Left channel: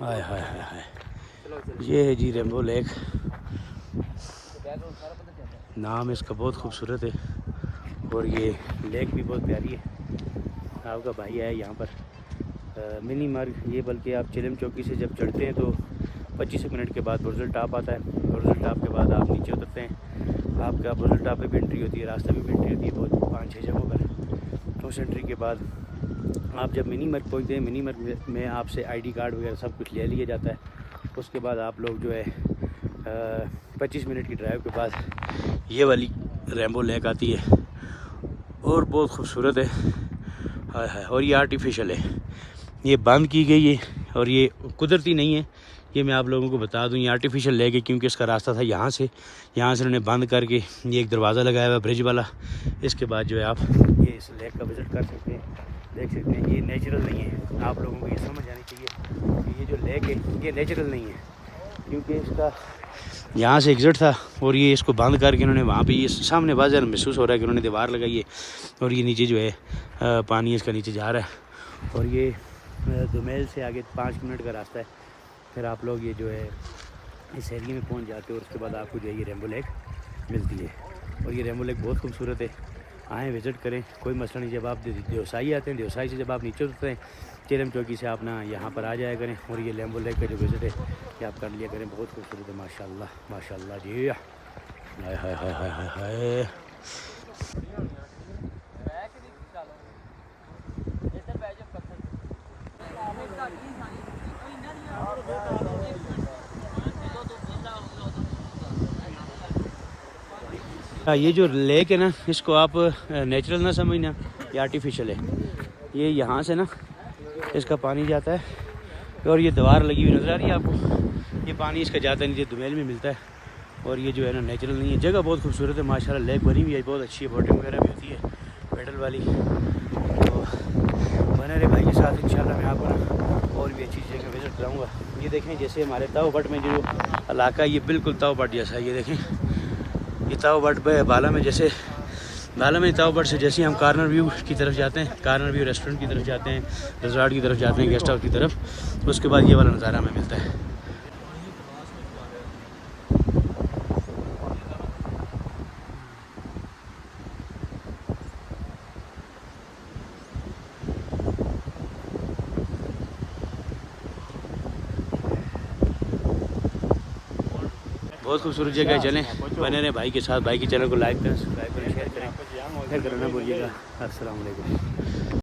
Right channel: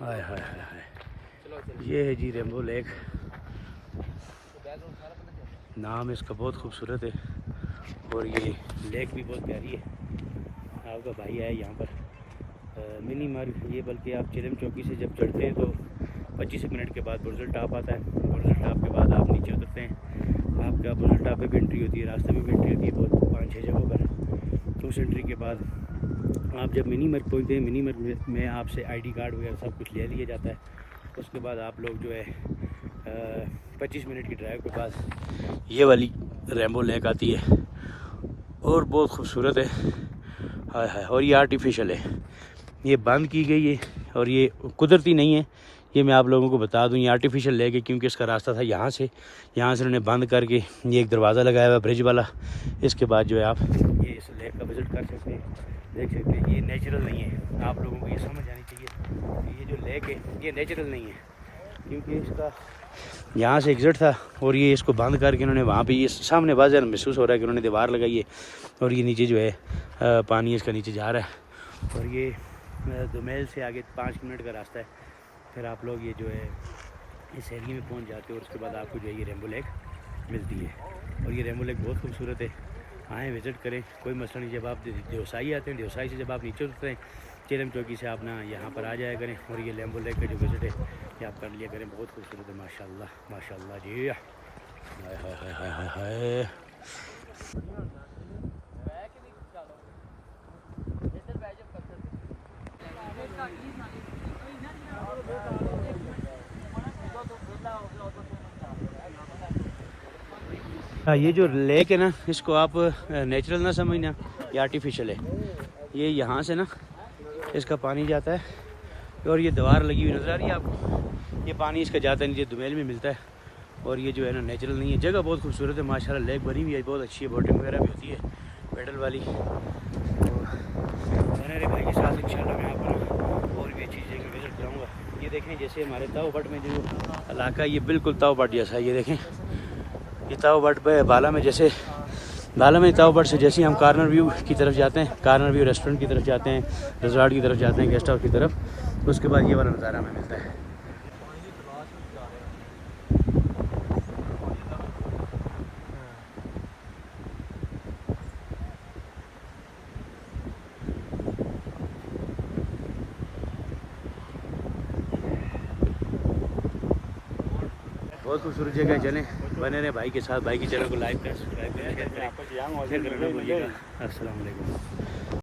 हाय हाय हाय हाय, ये है जी rainbow lake. नाम इसका बहुत खूबसूरत है और ये लेक भी बहुत प्यारी है। आपका भाई है यहाँ पर मिनी मार्ग ये, बल्कि आप चिलम चौकी से जब चढ़ते हैं तो 25 मिनट के बाद बुरजुल टॉप आता है। बुरजुल टॉप के बाद आप नीचे उतरते हैं। आपका बुरजुल टॉप पे भी एंट्री होती है, रास्ते में भी एंट्री होती है बहुत 5-6 जगहों पर। क्रूज एंट्री के बाद आप जब मिनी मर्ग पहुँचते हैं, मिनी मर्ग में आपसे आईडी कार्ड वगैरह सब कुछ ले लिया जाता है। उसके बाद आप लोग जो है 25 मिनट की ड्राइव के बाद ये वाली रेम्बो लेक आती है और बहुत खूबसूरत है। हाय हाय, और ये आर्टिफिशियल है, ये बंद की गई है और ये कुदरती नहीं है। ये मैं आप लोगों को बता दूं, ये आर्टिफिशियल लेक है क्योंकि इसका रास्ता था यहाँ से उन्होंने बंद करके ये एक दरवाज़ा लगाया हुआ ब्रिज वाला। इसके बाद जो है आप ये इस लेक का विज़िट कर सकते हैं, देख सकते हैं। ये नेचुरल नहीं है, आप लोगों को ये समझ आनी चाहिए कि ये जो लेक है ये नेचुरल नहीं है, क्योंकि इसका यहाँ से एग्ज़िट था और ये इसको बंद करके इन्होंने वहाँ पे ये सामने बाजार महसूस हो रहा है कि उन्होंने दीवार लगाई है और ये नीचे जो है पानी इसका नीचे जा रहा है। और ये दुमेल से आगे 5 मिनट का रास्ता है, फिर आप लोग ये जो है इस एरिया में पहुंच जाते हो और उसके बाद आपको जो है ये रेम्बो लेक मिलती है। और ये रेम्बो लेक बहुत खूबसूरत है, आएँ विज़िट करें, कोई मसला नहीं। जब आप देवसाई आते हैं, देवसाई से जब आप नीचे उतरते हैं चिलम चौकी से, आप ना यहाँ पर आ जाया करें और ये रेम्बो लेक का जो विज़िट है ये आप कर लिया करें। बहुत खूबसूरत है, माशाल्लाह माशाल्लाह जी। हाय हाय हाय हाय हाय हाय। ये जो लेक है ना, इसको आप नेचुरल ना समझना, ये आर्टिफिशियल है। ये यहाँ से ना इसका पानी जाता है और ये दीवार लगी हुई नज़र आ रही है आपको, ये पानी इसका जाता है नीचे दुमेल में मिलता है। और ये जो है ना नेचुरल नहीं है। जगह बहुत खूबसूरत है माशाल्लाह, लेक बनी हुई है बहुत अच्छी है, बोटिंग वगैरह भी होती है पैडल वाली। तो बने रहे भाई के साथ, इंशाल्लाह मैं आपको और भी अच्छी जगह विज़िट कराऊँगा। ये देखें जैसे हमारे ताऊ बट में जो इलाका है ये बिल्कुल ताऊ बट जैसा है। ये देखें ये ताऊ बट पे बाला में, जैसे बाला में ताऊ बट से जैसे हम कार्नर व्यू की तरफ जाते हैं, कार्नर व्यू रेस्टोरेंट की तरफ जाते हैं, रिजॉर्ट की तरफ जाते हैं, गेस्ट हाउस की तरफ, उसके बाद ये वाला नज़ारा हमें मिलता है। बहुत खूबसूरत जगह है, चलें बने रहे भाई के साथ। भाई के चैनल को लाइक करें, सब्सक्राइब करें, शेयर करें, फिर करना भूलिएगा। अस्सलाम वालेकुम।